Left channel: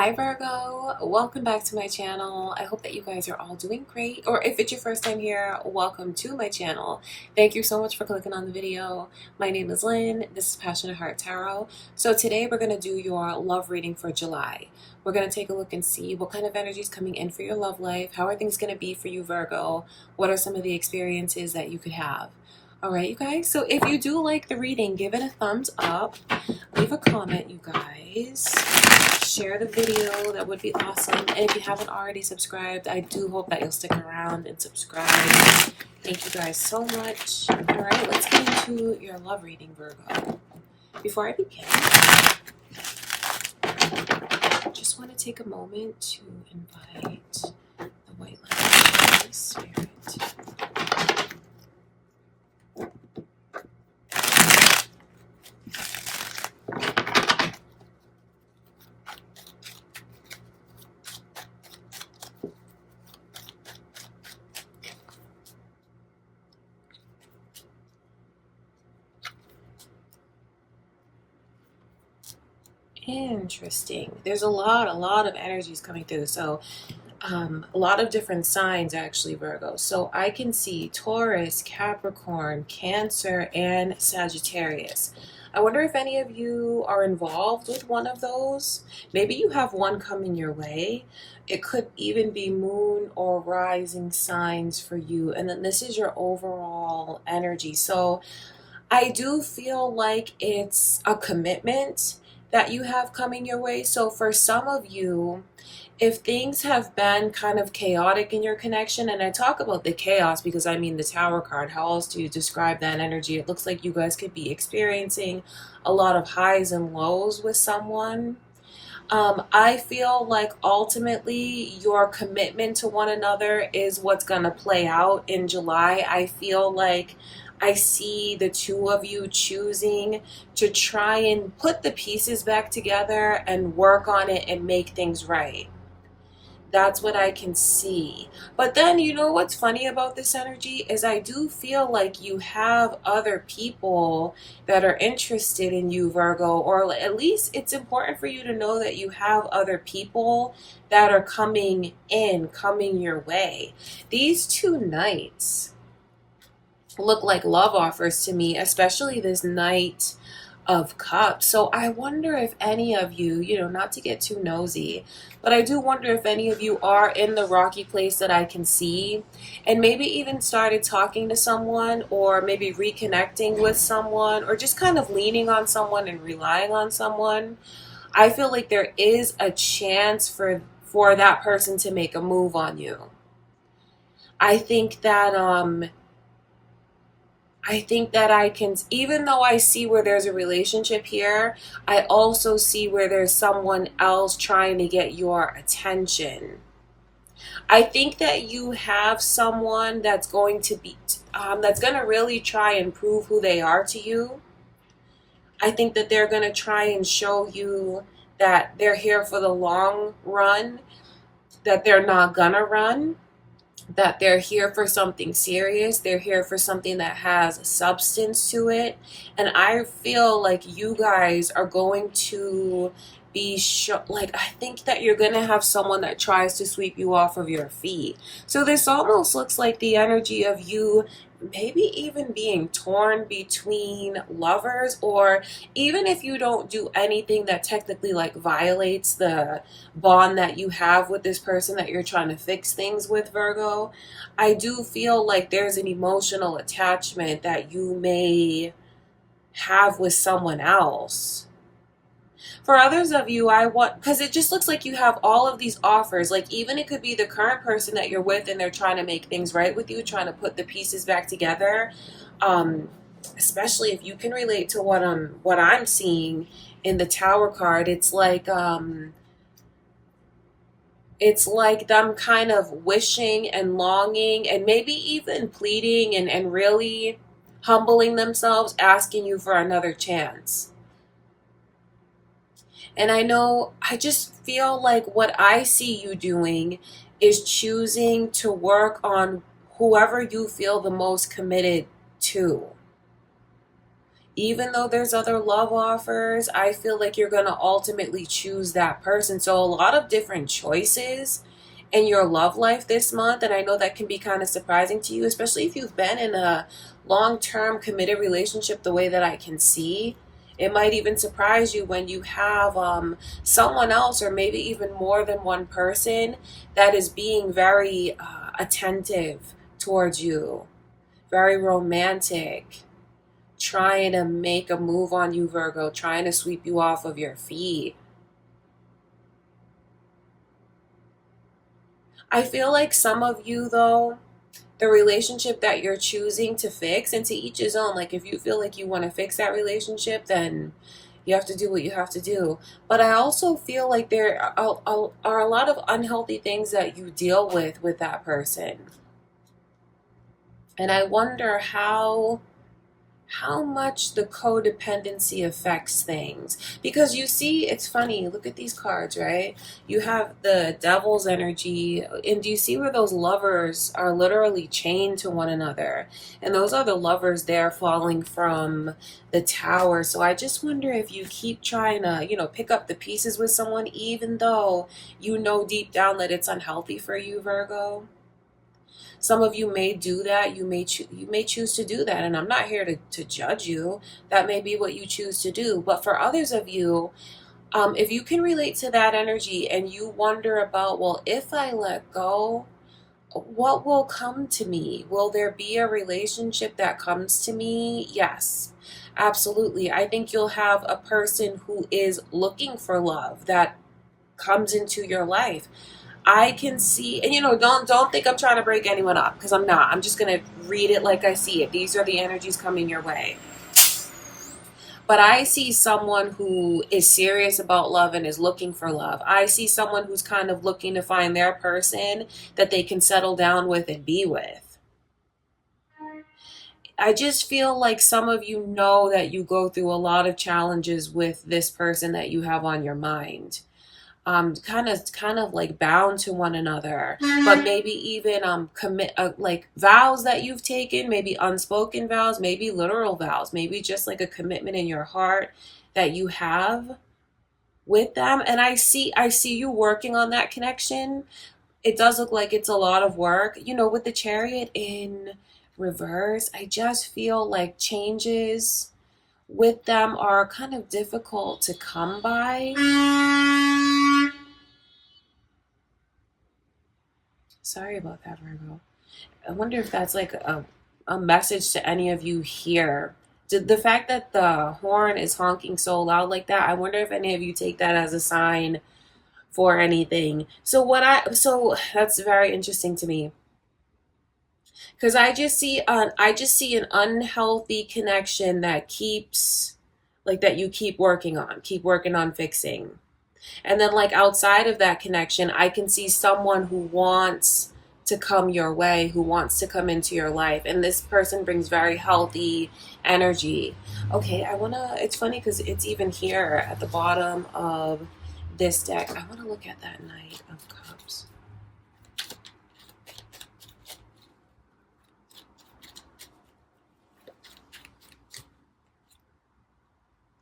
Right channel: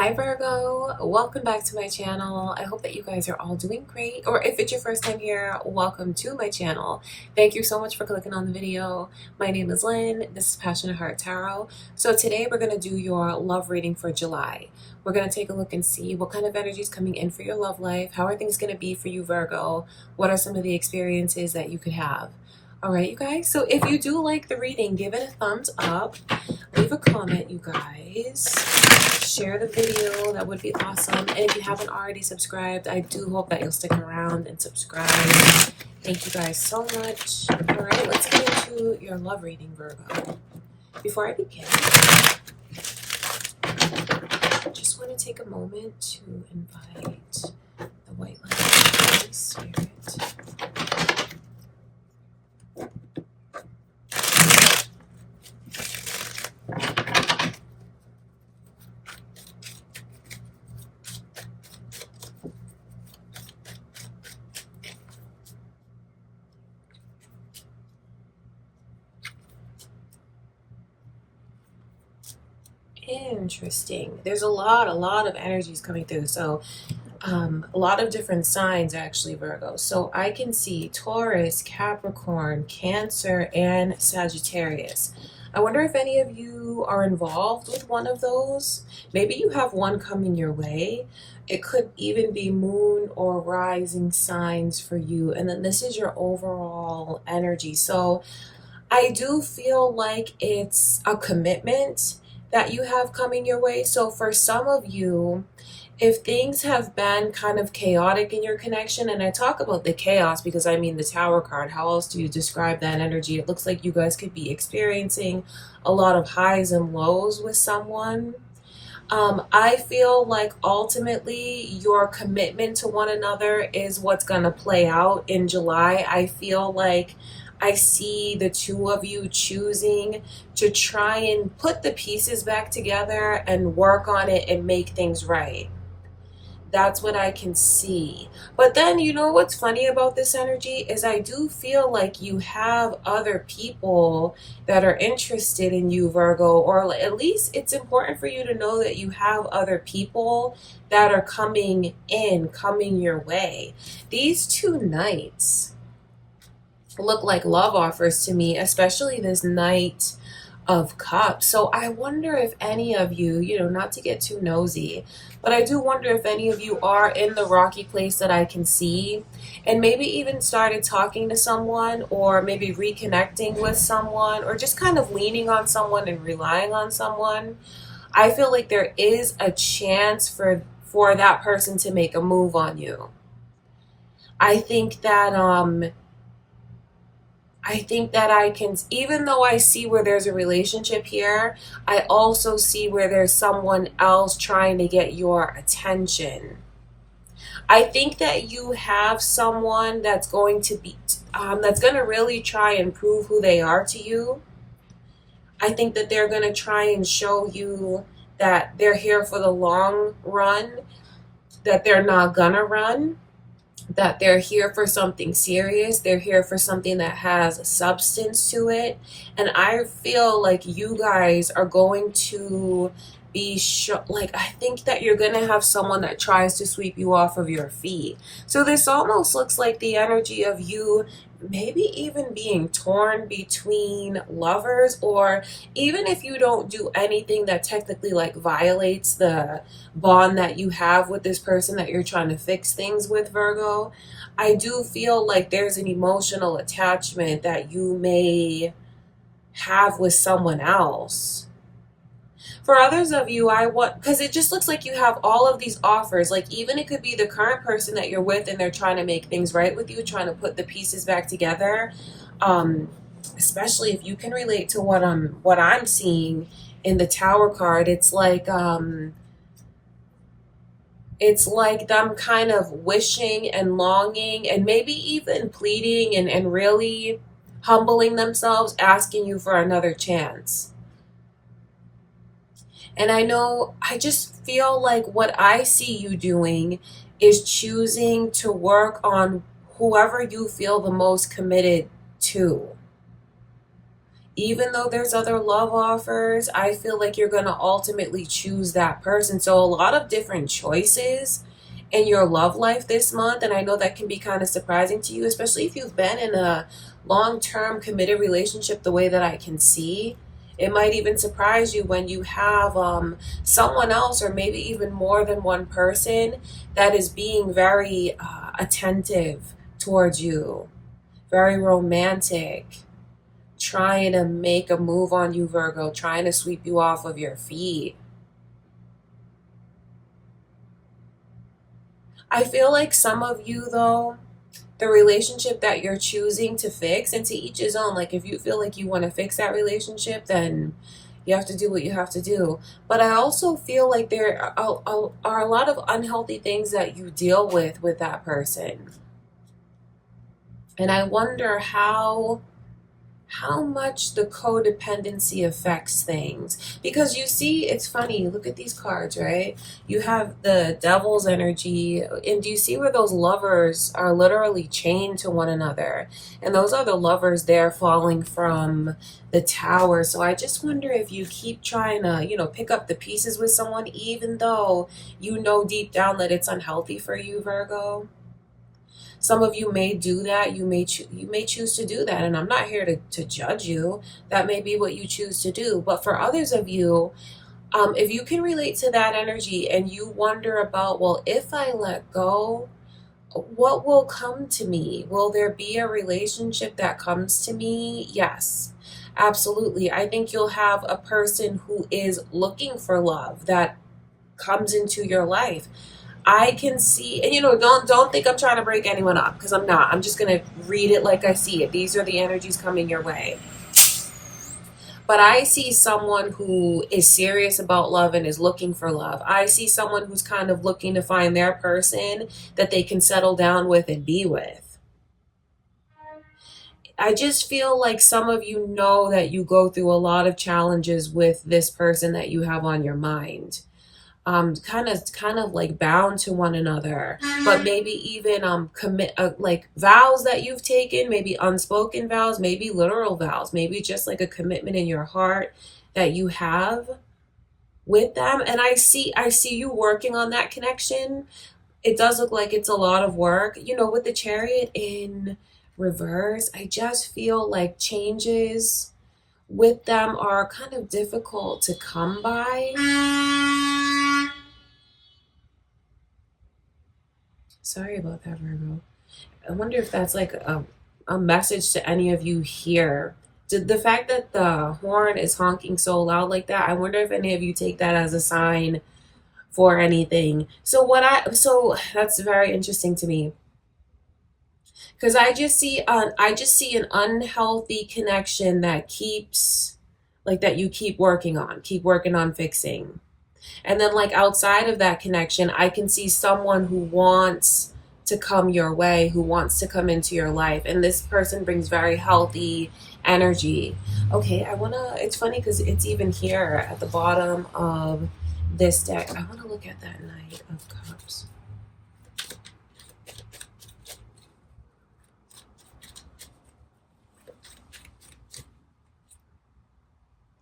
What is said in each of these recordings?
Hi Virgo, welcome back to my channel. I hope that you guys are all doing great, or if it's your first time here, welcome to my channel. Thank you so much for clicking on the video. My name is Lynn, this is Passionate Heart Tarot. So today we're going to do your love reading for July. We're going to take a look and see what kind of energy is coming in for your love life. How are things going to be for you, Virgo? What are some of the experiences that you could have? All right, you guys, so if you do like the reading, give it a thumbs up, leave a comment, you guys, share the video, that would be awesome. And if you haven't already subscribed, I do hope that you'll stick around and subscribe. Thank you guys so much. All right, let's get into your love reading, Virgo. Before I begin, I just want to take a moment to invite the white light of the Holy Spirit. Interesting. There's a lot of energies coming through. So a lot of different signs actually, Virgo. So I can see Taurus, Capricorn, Cancer, and Sagittarius. I wonder if any of you are involved with one of those. Maybe you have one coming your way. It could even be moon or rising signs for you. And then this is your overall energy. So I do feel like it's a commitment that you have coming your way. So for some of you, if things have been kind of chaotic in your connection, and I talk about the chaos because I mean the Tower card, how else do you describe that energy? It looks like you guys could be experiencing a lot of highs and lows with someone. I feel like ultimately your commitment to one another is what's going to play out in July. I feel like I see the two of you choosing to try and put the pieces back together and work on it and make things right. That's what I can see. But then, you know what's funny about this energy is I do feel like you have other people that are interested in you, Virgo, or at least it's important for you to know that you have other people that are coming your way. These two knights look like love offers to me, especially this Knight of Cups. So I wonder if any of you, not to get too nosy, but I do wonder if any of you are in the rocky place that I can see and maybe even started talking to someone or maybe reconnecting with someone or just kind of leaning on someone and relying on someone. I feel like there is a chance for that person to make a move on you. I think that I can, even though I see where there's a relationship here, I also see where there's someone else trying to get your attention. I think that you have someone that's going to really try and prove who they are to you. I think that they're going to try and show you that they're here for the long run, that they're not gonna run, that they're here for something serious. They're here for something that has substance to it. And I feel like you guys are going to be I think that you're going to have someone that tries to sweep you off of your feet. So this almost looks like the energy of you maybe even being torn between lovers, or even if you don't do anything that technically like violates the bond that you have with this person that you're trying to fix things with, Virgo, I do feel like there's an emotional attachment that you may have with someone else. For others of you, because it just looks like you have all of these offers. Like even it could be the current person that you're with and they're trying to make things right with you, trying to put the pieces back together. Especially if you can relate to what I'm seeing in the Tower card. It's like them kind of wishing and longing and maybe even pleading and really humbling themselves, asking you for another chance. And I just feel like what I see you doing is choosing to work on whoever you feel the most committed to. Even though there's other love offers, I feel like you're going to ultimately choose that person. So a lot of different choices in your love life this month. And I know that can be kind of surprising to you, especially if you've been in a long-term committed relationship the way that I can see. It might even surprise you when you have someone else, or maybe even more than one person, that is being very attentive towards you, very romantic, trying to make a move on you, Virgo, trying to sweep you off of your feet. I feel like some of you, though, the relationship that you're choosing to fix, and to each his own, like if you feel like you want to fix that relationship, then you have to do what you have to do. But I also feel like there are a lot of unhealthy things that you deal with that person. And I wonder how much the codependency affects things. Because you see, it's funny, look at these cards, right? You have the devil's energy, and do you see where those lovers are literally chained to one another? And those are the lovers there falling from the tower. So I just wonder if you keep trying to, pick up the pieces with someone, even though you know deep down that it's unhealthy for you, Virgo. Some of you may do that. You may choose to do that, and I'm not here to judge you. That may be what you choose to do. But for others of you, if you can relate to that energy and you wonder about, well, if I let go, what will come to me? Will there be a relationship that comes to me? Yes, absolutely. I think you'll have a person who is looking for love that comes into your life. I can see, and don't think I'm trying to break anyone up, because I'm not. I'm just going to read it like I see it. These are the energies coming your way. But I see someone who is serious about love and is looking for love. I see someone who's kind of looking to find their person that they can settle down with and be with. I just feel like some of you know that you go through a lot of challenges with this person that you have on your mind. Kind of like bound to one another, but maybe even commit like vows that you've taken, maybe unspoken vows, maybe literal vows, maybe just like a commitment in your heart that you have with them. And I see you working on that connection. It does look like it's a lot of work, with the Chariot in reverse. I just feel like changes with them are kind of difficult to come by. Sorry about that, Virgo. I wonder if that's like a message to any of you here. Did the fact that the horn is honking so loud like that, I wonder if any of you take that as a sign for anything. So that's very interesting to me. Because I just see an unhealthy connection that you keep working on fixing. And then like outside of that connection, I can see someone who wants to come your way, who wants to come into your life. And this person brings very healthy energy. Okay, it's funny because it's even here at the bottom of this deck. I want to look at that Knight of Cups.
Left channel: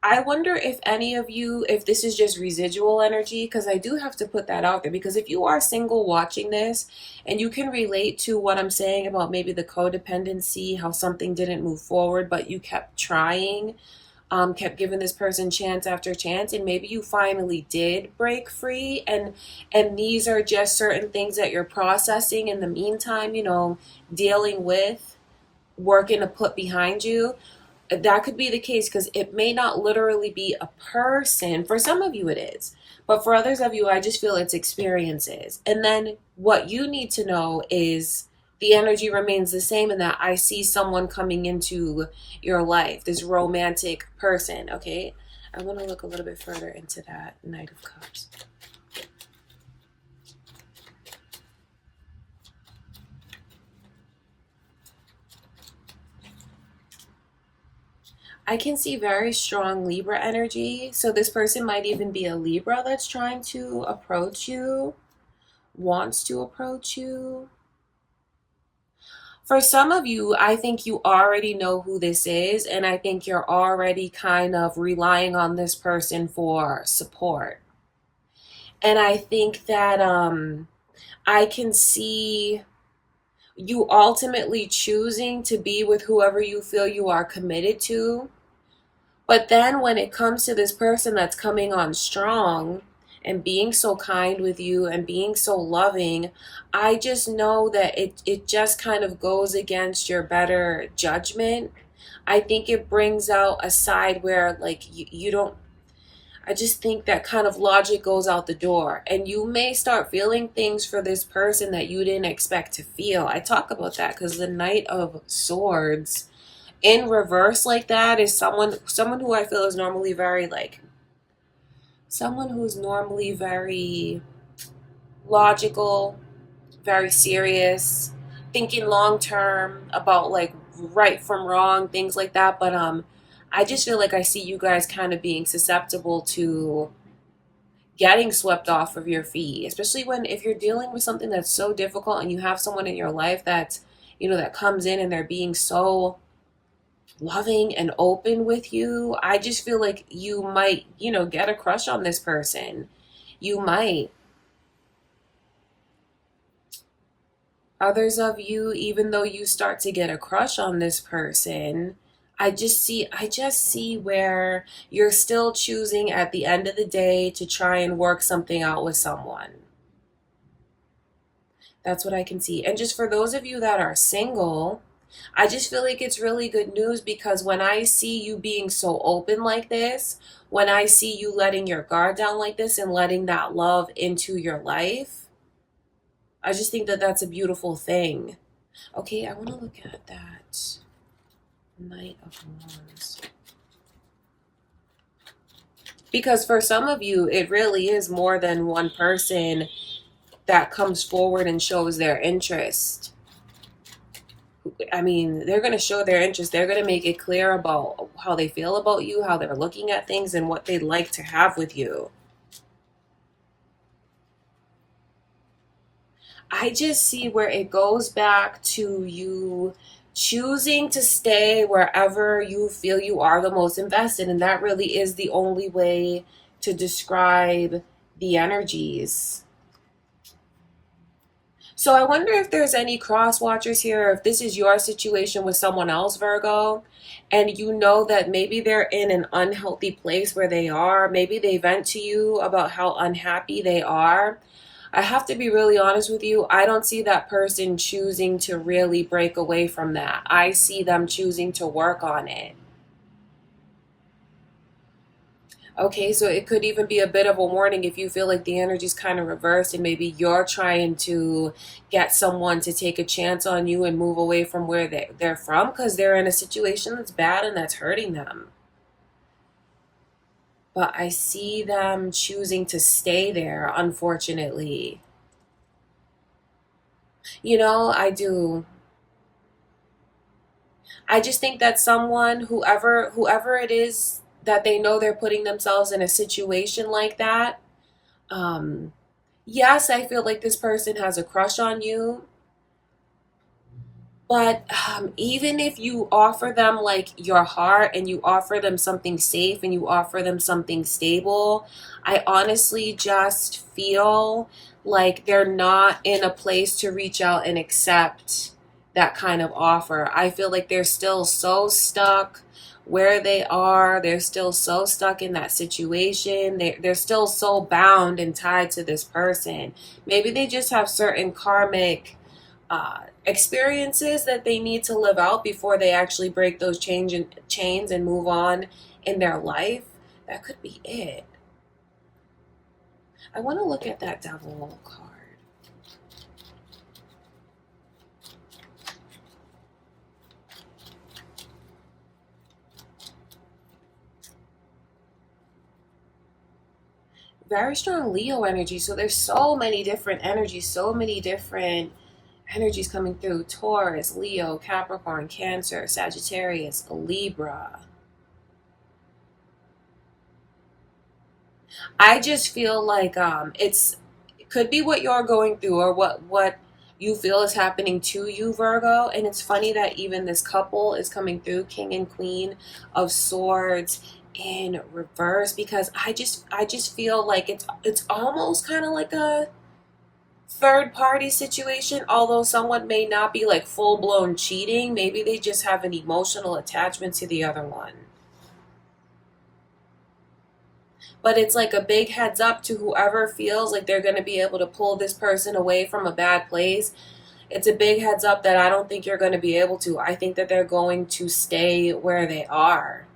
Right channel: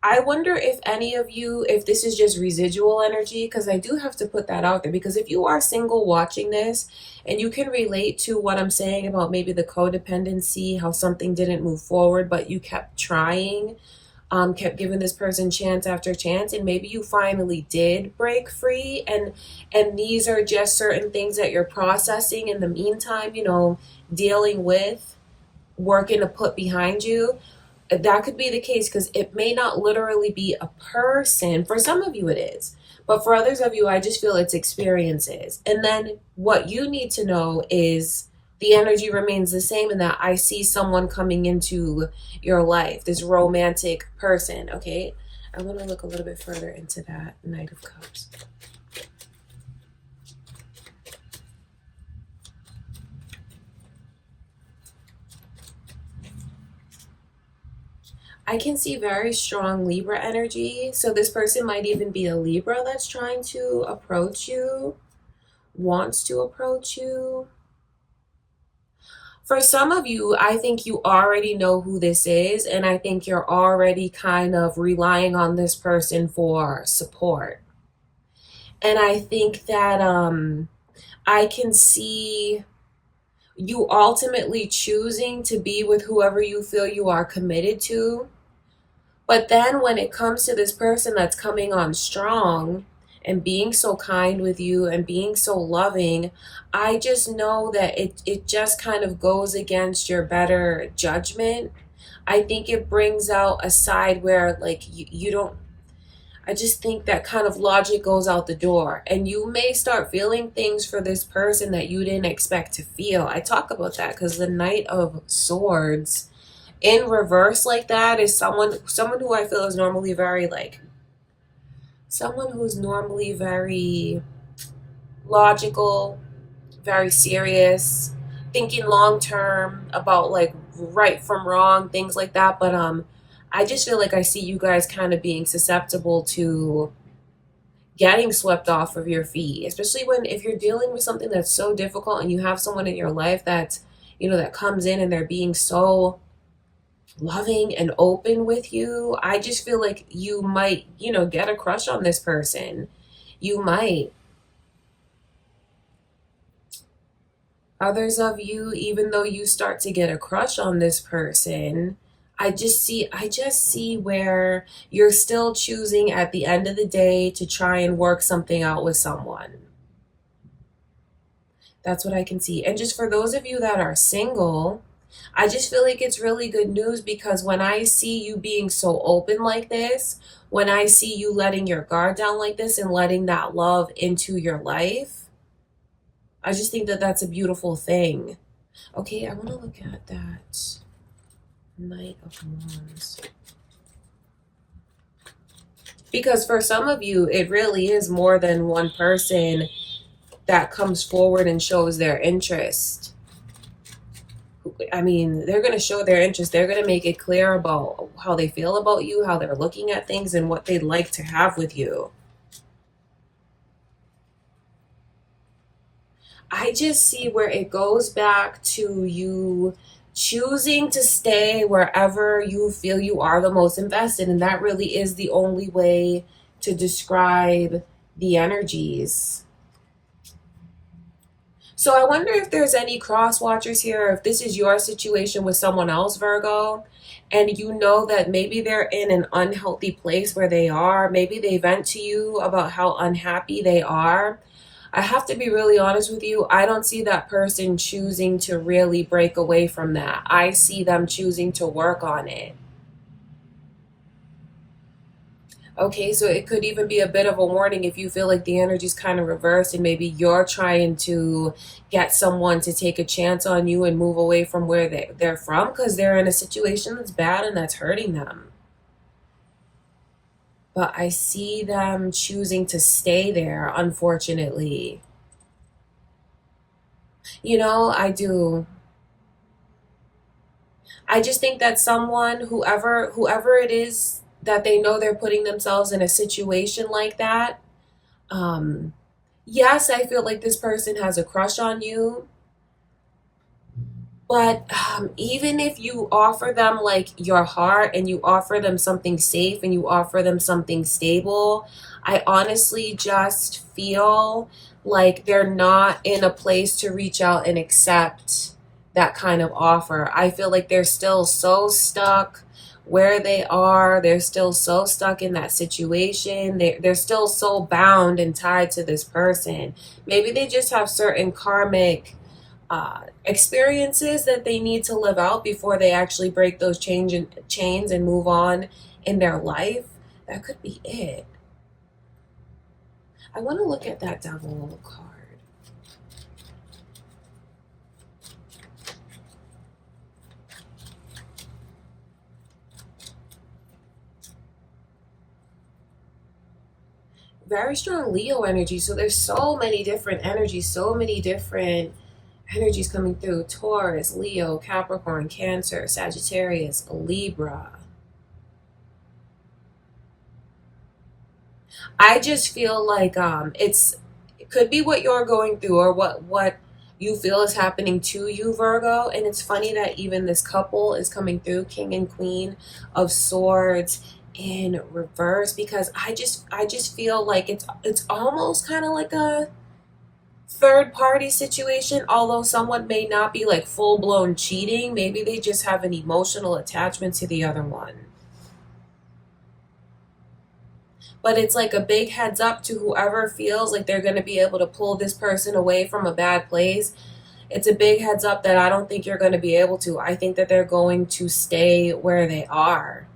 I wonder if any of you, if this is just residual energy, because I do have to put that out there, because if you are single watching this and you can relate to what I'm saying about maybe the codependency, how something didn't move forward, but you kept trying, kept giving this person chance after chance, and maybe you finally did break free, and these are just certain things that you're processing in the meantime, dealing with, working to put behind you. That could be the case, because it may not literally be a person. For some of you it is, but for others of you, I just feel it's experiences. And then what you need to know is the energy remains the same, in that I see someone coming into your life, this romantic person. Okay, I want to look a little bit further into that Knight of Cups. I can see very strong Libra energy. So this person might even be a Libra that's trying to approach you, wants to approach you. For some of you, I think you already know who this is, and I think you're already kind of relying on this person for support. And I think that I can see you ultimately choosing to be with whoever you feel you are committed to. But then when it comes to this person that's coming on strong and being so kind with you and being so loving, I just know that it just kind of goes against your better judgment. I think it brings out a side where like you don't, I just think that kind of logic goes out the door, and you may start feeling things for this person that you didn't expect to feel. I talk about that because the Knight of Swords in reverse like that is someone who I feel is normally very like someone who's normally very logical, very serious, thinking long term about like right from wrong, things like that. But I just feel like I see you guys kind of being susceptible to getting swept off of your feet, especially when if you're dealing with something that's so difficult and you have someone in your life that's, that comes in and they're being so loving and open with you. I just feel like you might, get a crush on this person. You might. Others of you, even though you start to get a crush on this person, I just see where you're still choosing at the end of the day to try and work something out with someone. That's what I can see. And just for those of you that are single, I just feel like it's really good news, because when I see you being so open like this, when I see you letting your guard down like this and letting that love into your life, I just think that that's a beautiful thing. Okay, I want to look at that Knight of Wands. Because for some of you, it really is more than one person that comes forward and shows their interest. I mean, they're going to show their interest. They're going to make it clear about how they feel about you, how they're looking at things, and what they'd like to have with you. I just see where it goes back to you choosing to stay wherever you feel you are the most invested. And that really is the only way to describe the energies. So I wonder if there's any cross watchers here, if this is your situation with someone else, Virgo, and you know that maybe they're in an unhealthy place where they are. Maybe they vent to you about how unhappy they are. I have to be really honest with you. I don't see that person choosing to really break away from that. I see them choosing to work on it. Okay, so it could even be a bit of a warning if you feel like the energy's kind of reversed and maybe you're trying to get someone to take a chance on you and move away from where they're from because they're in a situation that's bad and that's hurting them. But I see them choosing to stay there, unfortunately. I do. I just think that someone, whoever it is, that they know they're putting themselves in a situation like that. Yes, I feel like this person has a crush on you, but even if you offer them like your heart and you offer them something safe and you offer them something stable, I honestly just feel like they're not in a place to reach out and accept that kind of offer. I feel like they're still so stuck where they are. They're still so stuck in that situation. They're still so bound and tied to this person. Maybe they just have certain karmic experiences that they need to live out before they actually break those chains and move on in their life. That could be it. I want to look at that Devil card. Very strong Leo energy. So there's so many different energies, coming through. Taurus, Leo, Capricorn, Cancer, Sagittarius, Libra. I just feel like it could be what you're going through or what you feel is happening to you, Virgo. And it's funny that even this couple is coming through, King and Queen of Swords in reverse, because I just feel like it's almost kind of like a third party situation, although someone may not be like full blown cheating. Maybe they just have an emotional attachment to the other one. But it's like a big heads up to whoever feels like they're going to be able to pull this person away from a bad place. It's a big heads up that I don't think you're going to be able to. I think that they're going to stay where they are.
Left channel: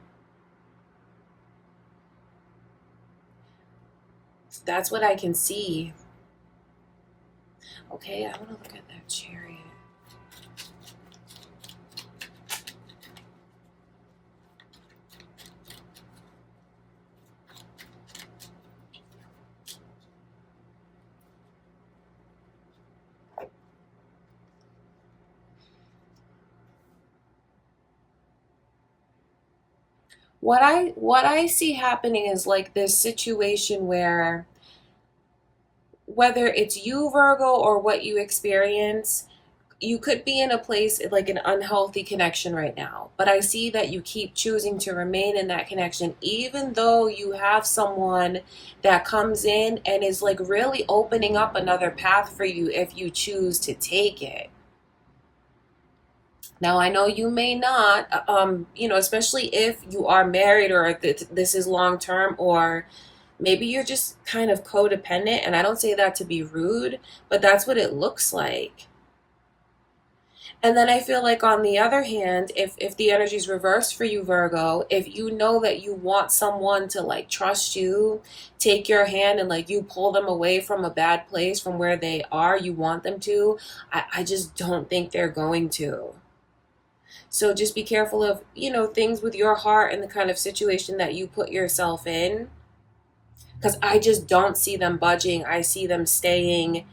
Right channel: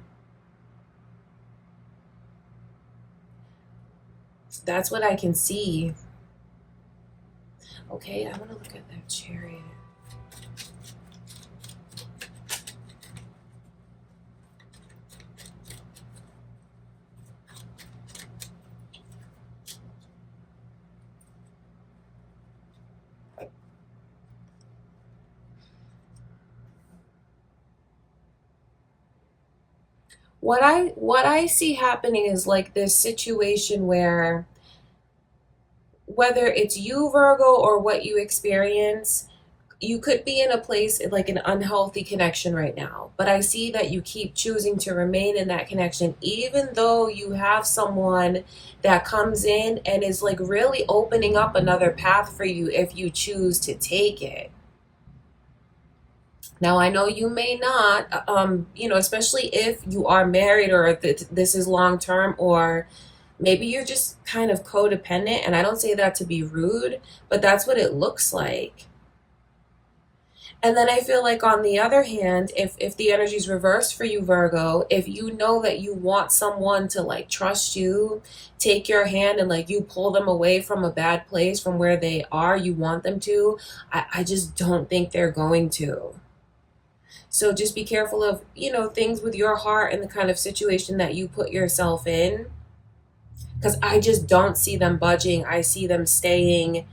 That's what I can see. Okay, I want to look at that Chariot. What I see happening is like this situation where, whether it's you, Virgo, or what you experience, you could be in a place like an unhealthy connection right now. But I see that you keep choosing to remain in that connection, even though you have someone that comes in and is like really opening up another path for you if you choose to take it. Now, I know you may not, especially if you are married, or if this is long term, or maybe you're just kind of codependent. And I don't say that to be rude, but that's what it looks like. And then I feel like, on the other hand, if the energy is reversed for you, Virgo, if you know that you want someone to like trust you, take your hand, and like you pull them away from a bad place, from where they are, you want them to, I just don't think they're going to. So just be careful of, things with your heart and the kind of situation that you put yourself in. Because I just don't see them budging. I see them staying,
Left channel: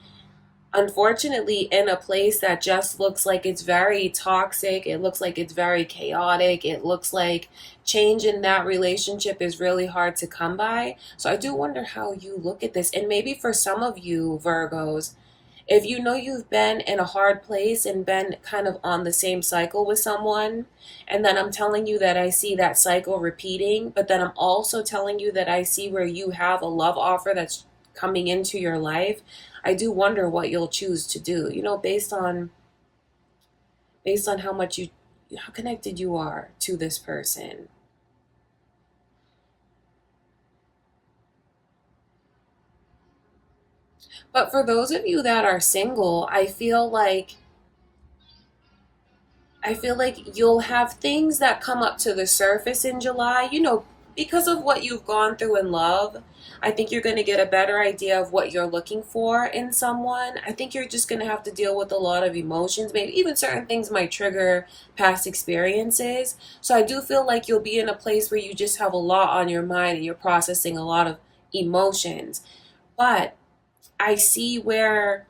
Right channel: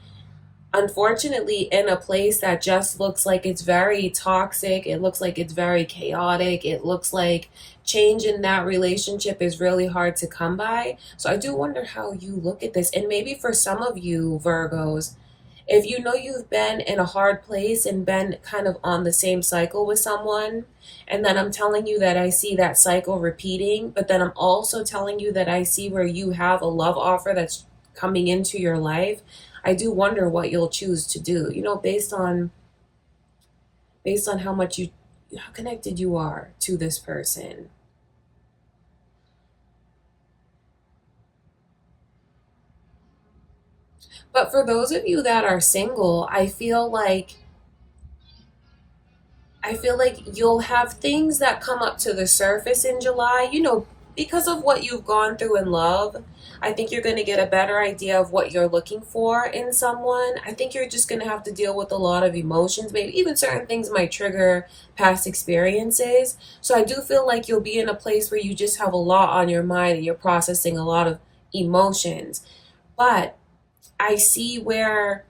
unfortunately, in a place that just looks like it's very toxic. It looks like it's very chaotic. It looks like change in that relationship is really hard to come by. So I do wonder how you look at this. And maybe for some of you, Virgos, if you know you've been in a hard place and been kind of on the same cycle with someone, and then I'm telling you that I see that cycle repeating, but then I'm also telling you that I see where you have a love offer that's coming into your life, I do wonder what you'll choose to do, based on how connected you are to this person. But for those of you that are single, I feel like you'll have things that come up to the surface in July, because of what you've gone through in love. I think you're going to get a better idea of what you're looking for in someone. I think you're just going to have to deal with a lot of emotions. Maybe even certain things might trigger past experiences. So I do feel like you'll be in a place where you just have a lot on your mind and you're processing a lot of emotions. But I see where,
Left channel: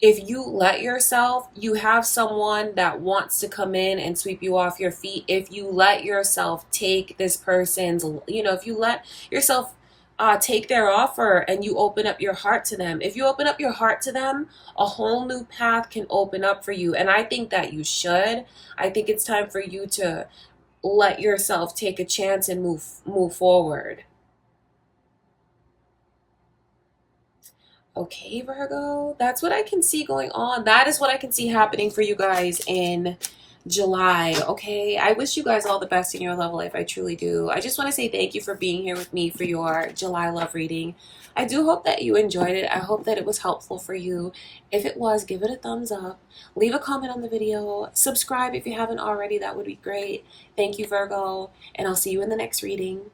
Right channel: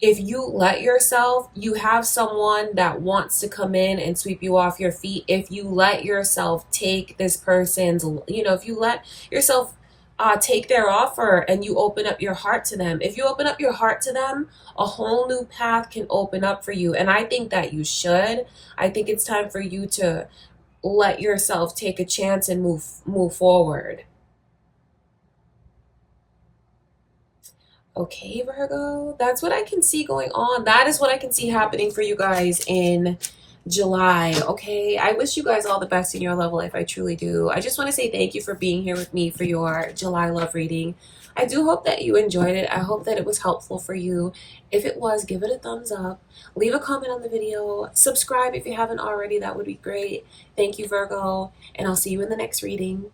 if you let yourself, you have someone that wants to come in and sweep you off your feet. If you let yourself take this person's, if you let yourself take their offer and you open up your heart to them, if you open up your heart to them, a whole new path can open up for you. And I think that you should. I think it's time for you to let yourself take a chance and move forward. Okay, Virgo, that's what I can see going on. That is what I can see happening for you guys in July. Okay, I wish you guys all the best in your love life. I truly do. I just want to say thank you for being here with me for your July love reading. I do hope that you enjoyed it. I hope that it was helpful for you. If it was, give it a thumbs up. Leave a comment on the video. Subscribe if you haven't already. That would be great. Thank you, Virgo, and I'll see you in the next reading.